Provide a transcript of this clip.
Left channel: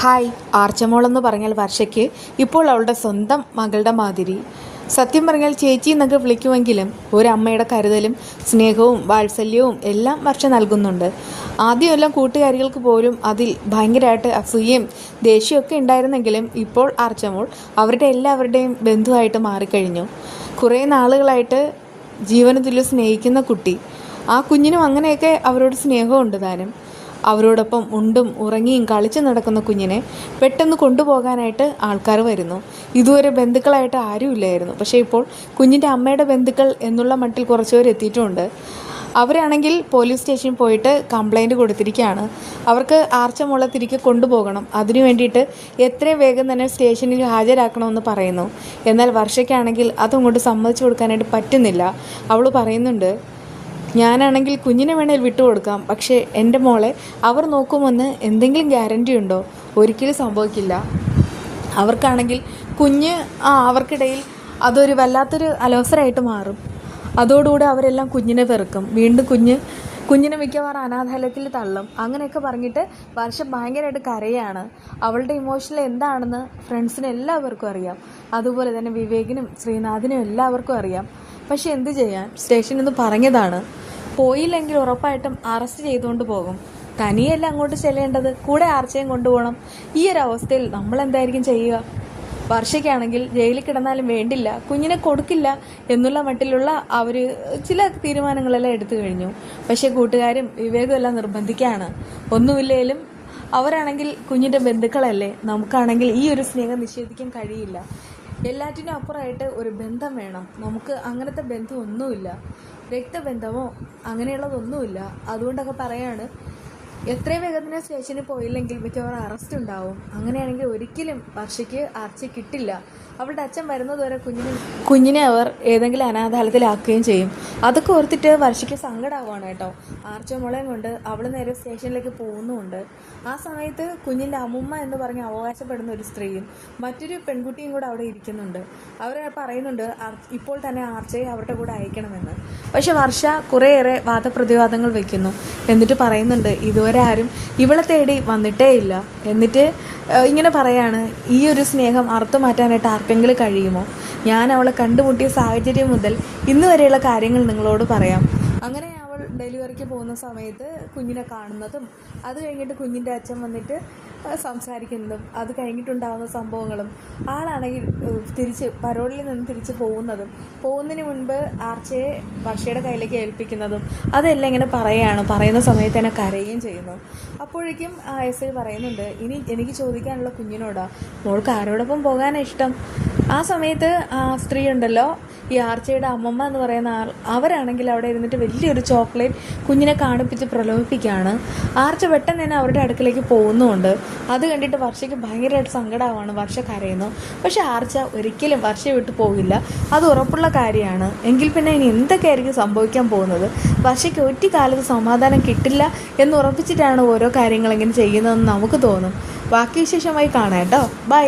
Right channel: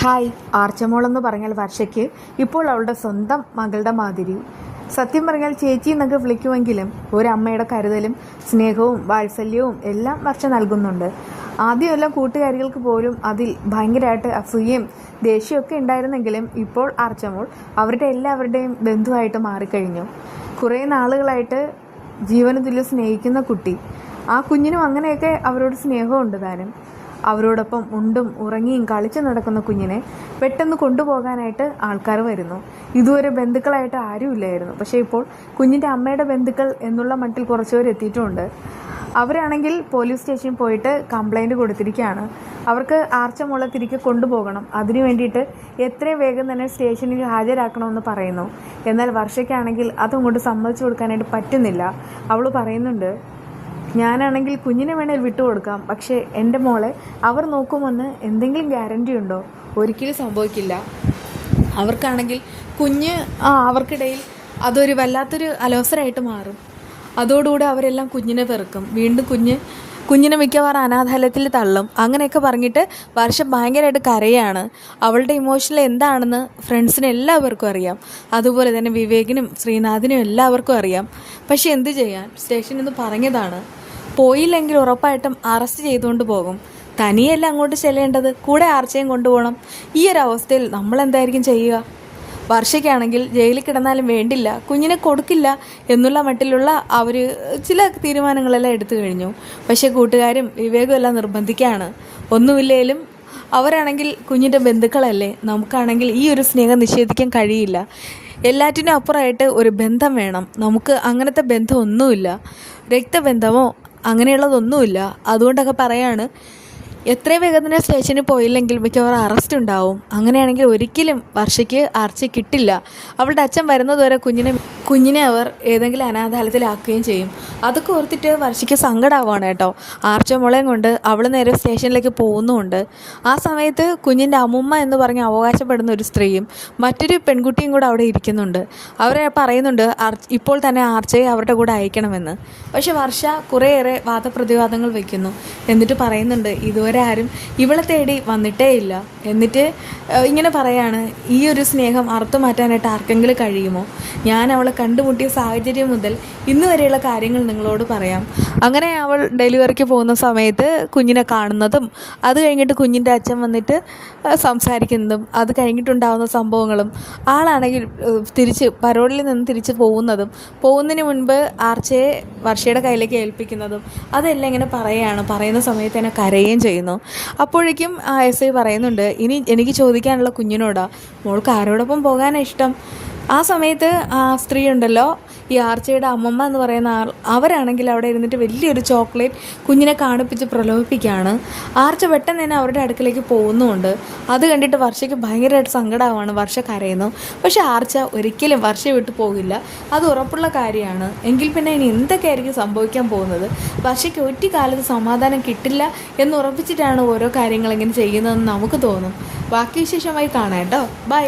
Hi. ആർച്ചമോളെന്ന് പറഞ്ഞാൽ വർഷയ്ക്ക് ഇപ്പോൾ അവളുടെ സ്വന്തം മകളുടെ മാതിരി. സത്യം പറഞ്ഞാൽ ചേച്ചി എന്നൊക്കെ വിളിക്കുമെങ്കിലും ഒരമ്മയുടെ കരുതലും സ്നേഹവും വാത്സല്യവും എല്ലാം വർഷ നൽകുന്നുണ്ട്. ആദ്യമെല്ലാം കൂട്ടുകാരികൾക്ക് പോലും അതിൽ ഭയങ്കരമായിട്ട് അസൂയയും ദേഷ്യമൊക്കെ ഉണ്ടായിരുന്നെങ്കിലും ഇപ്പോൾ ആർച്ചമോൾ അവരുടെ എല്ലാവരുടെയും ബന്ധുവായിട്ട് മാറിക്കഴിഞ്ഞു. കുറേ നാളുകളായിട്ട് ജീവന് തുല്യം സ്നേഹിക്കുന്ന കുട്ടി. ആ കുഞ്ഞിനും അങ്ങനെയൊക്കെ അവരോട് സ്നേഹമുണ്ട് താനും. അവരോടൊപ്പം ഉണ്ടും ഉറങ്ങിയും കളിച്ചു നടക്കുന്ന കുഞ്ഞിനെ പെട്ടെന്ന് കൊണ്ടുപോകാനായിട്ട് ആൾക്കാർ വരുന്നു. ഇതുവരെ ബന്ധുക്കളായിട്ട് ആരുമില്ലായിരുന്നു. പക്ഷേ ഇപ്പോൾ കുഞ്ഞിൻ്റെ അമ്മയുടെ ബന്ധുക്കൾ എന്നുള്ള മട്ടിൽ കുറച്ചുപേർ എത്തിയിട്ടുമുണ്ട്. അവരാണെങ്കിൽ പോലീസ് സ്റ്റേഷനിൽ പോയിട്ട് കംപ്ലൈൻറ്റ് കൊടുത്തിരിക്കുകയാണ്. അവർക്ക് ആർച്ചമോളെ തിരികെ കൊണ്ടുപോകണം. അതിനു വേണ്ടിയിട്ട് എത്രയും വേഗം തന്നെ സ്റ്റേഷനിൽ ഹാജരാക്കണമെന്ന് പറയുന്നു. എന്നാൽ വർഷയ്ക്കാണെങ്കിൽ അതങ്ങോട്ട് സമ്മതിച്ചു കൊടുക്കാനായിട്ട് പറ്റുന്നില്ല. അവൾ പറയുന്നുണ്ട്, ഞാനാണെങ്കിൽ കുഞ്ഞിനെ വേണേൽ വിട്ടുകൊടുക്കാം, പക്ഷേ എൻ്റെ മോളെ അവർ നോക്കുമെന്ന് എന്തെങ്കിലും ഗ്യാരണ്ടി ഉണ്ടോ? ഒരിക്കലും സംഭവിക്കില്ല. അവർക്കാണെങ്കിൽ കുഞ്ഞ് അവർക്കിടയിൽ അതൊരു വല്ലാത്തൊരു അലോസരമായിട്ട് മാറും. അതോടുകൂടി അവരെല്ലാം കുഞ്ഞിനെ വെറുക്കും. വീണ്ടും കുഞ്ഞിനെ മിക്കവാറും അനാഥാലയത്തിൽ തള്ളും. അങ്ങനെയൊക്കെ പറഞ്ഞിട്ട് വർഷം ഭയങ്കരമായിട്ട് കരയാണ്. അവളുടെ ഇമോഷണൽ എന്താണെന്ന് ഫ്രണ്ട്സിന് എല്ലാവർക്കും അറിയാം. അതുപോലെ തന്നെ വിവേകിനും ശ്രീനാഥിനും എല്ലാവർക്കും അറിയാം. പക്ഷെ എന്ത് ചെയ്യാൻ, സ്റ്റേഷനിൽ നിന്ന് പറഞ്ഞതാണ്. പോയില്ലെങ്കിൽ ഉറപ്പായിട്ടും അറസ്റ്റ് ചെയ്തുകൊണ്ട് പോകും. തനിയല്ല അങ്ങോട്ട് ചെല്ലേണ്ടത്, കൂടെ ആർച്ചയും കൊണ്ടുപോകണം. ഈ ഒരു അവസ്ഥയിൽ നമ്മൾ എന്തായിരിക്കും ചെയ്യുക? വർഷയ്ക്കാണെങ്കിൽ ജയിലിൽ കിടന്നാലും വേണ്ടില്ല, കുഞ്ഞിനെ കൊടുക്കില്ല എന്നുള്ള മട്ടിലുള്ള അവർ ചില തീരുമാനങ്ങളെല്ലാം എടുത്തു കഴിഞ്ഞു. പക്ഷേ കൂട്ടുകാരും വിവേകും എല്ലാം നിർബന്ധിക്കുകയാണ്. ഒന്നുമില്ലേലും അവരാണെങ്കിൽ കുഞ്ഞിൻ്റെ ബന്ധുക്കളല്ലേ. നമുക്കാണെങ്കിൽ ഈ ഒരു സ്നേഹം നിഷേധിക്കാൻ കഴിയില്ല. എല്ലാറ്റിനും അപ്പുറമായിട്ട് ഒരു ബന്ധം വേണം. നമുക്ക് അങ്ങനത്തെ ബന്ധമൊന്നുമില്ല, രക്തബന്ധമോ അങ്ങനെയുള്ളതൊന്നുമില്ല. അതുകൊണ്ടൊക്കെ പറയാണ്, എത്രയും വേഗം തന്നെ സ്റ്റേഷനിൽ പോയില്ലെങ്കിൽ മിക്കവാറും അറസ്റ്റ് ഉണ്ടാവും. അങ്ങനെയാണെങ്കിൽ ഒരിക്കലും വർഷയ്ക്ക് ആർച്ച കിട്ടില്ല. അവളുടെ അച്ഛൻ വരുന്നതുവരെ കുഞ്ഞിനെ അവർ ഏതെങ്കിലും അനാഥാലയത്തിലാക്കുകയും ചെയ്യും. അതൊക്കെ ഓർത്തിട്ട് വർഷയ്ക്ക് സങ്കടമാവാണ് കേട്ടോ. ആർച്ച മോളെയും കൊണ്ട് അവൾ നേരെ സ്റ്റേഷനിലേക്ക് പോകുന്നുമുണ്ട്. ആ സമയത്ത് കുഞ്ഞിൻ്റെ അമ്മുമ്മ എന്ന് പറഞ്ഞ് അവകാശപ്പെടുന്ന ഒരു സ്ത്രീയും മറ്റൊരു പെൺകുട്ടിയും കൂടെ അവിടെ ഇരിക്കുന്നുണ്ട്. അവർ പറയുന്നുണ്ട് ഇപ്പോൾ തന്നെ ആർച്ചയെ അവരുടെ കൂടെ അയക്കണമെന്ന്. പക്ഷെ വർഷ കുറേയേറെ വാദപ്രതിവാദങ്ങൾ വയ്ക്കുന്നു. എന്നിട്ട് പറയുന്നുണ്ട്, ഇതുവരെ ആരും ഇവളെ തേടി വന്നിട്ടേ ഇല്ല. എന്നിട്ട് ഇങ്ങനെ പറയാണ്, ഈ ഒരു സ്നേഹം അറുത്തു മാറ്റാനായിട്ട് ആർക്കെങ്കിലും കഴിയുമോ? ഞാൻ അവളെ കണ്ടുമുട്ടിയ സാഹചര്യം മുതൽ ഇന്ന് വരെയുള്ള കാര്യങ്ങൾ നിങ്ങളോട് പറയാം. അങ്ങനെ അവൾ ഡെലിവറിക്ക് പോകുന്ന സമയത്ത് കുഞ്ഞിനെ കാണുന്നതും അത് കഴിഞ്ഞിട്ട് കുഞ്ഞിൻ്റെ അച്ഛൻ വന്നിട്ട് സംസാരിക്കുന്നതും അത് കഴിഞ്ഞിട്ടുണ്ടാകുന്ന സംഭവങ്ങളും ആളാണെങ്കിൽ തിരിച്ച് പരോളിൽ നിന്ന് തിരിച്ച് പോകുന്നതിന് മുൻപ് ആർച്ചയെ വർഷയുടെ കയ്യിലേക്ക് ഏൽപ്പിക്കുന്നതും അതെല്ലാം ഇങ്ങനെ പറയുന്ന സമയത്ത് തന്നെ കരയുകയും ചെയ്യുന്നു. അപ്പോഴേക്കും എസ് ഐ പറയുന്നുണ്ട്, ഇനി എനിക്ക് ചോദിക്കാനുള്ള കുഞ്ഞിനോടാ, മോൾക്ക് ആരോടൊപ്പം പോകാനാണ് ഇഷ്ടം? ആ സമയത്ത് ആ സ്ത്രീ ഉണ്ടല്ലോ, ഈ ആർച്ചയുടെ അമ്മമ്മ എന്ന് പറയുന്ന ആൾ, അവരാണെങ്കിൽ അവിടെ ഇരുന്നിട്ട് വലിയൊരു ചോക്ലേറ്റ് കുഞ്ഞിനെ കാണിപ്പിച്ച് പ്രലോഭിപ്പിക്കുകയാണ്. ആർച്ച പെട്ടെന്ന് തന്നെ അവരുടെ അടുക്കിലേക്ക് പോകുന്നുമുണ്ട്. അത് കണ്ടിട്ട് വർഷയ്ക്ക് ഭയങ്കരമായിട്ട് സങ്കടമാവാണ്. വർഷ കരയുന്നു. പക്ഷെ ആർച്ച ഒരിക്കലും വർഷയെ വിട്ടു പോകില്ല, അത് ഉറപ്പുള്ള കാര്യമാണ്. എങ്കിൽ പിന്നെ ഇനി എന്തൊക്കെയായിരിക്കും സംഭവിക്കാൻ പോകുന്നത്? വർഷയ്ക്ക് ഒറ്റ കാലത്ത് സമാധാനം കിട്ടില്ല എന്ന് ഉറപ്പിച്ചിട്ടാണ് ഓരോ കാര്യങ്ങളിങ്ങനെ ചെയ്യുന്നതെന്ന് നമുക്ക് തോന്നും. ബാക്കി വിശേഷമായി കാണാം കേട്ടോ. ബൈ.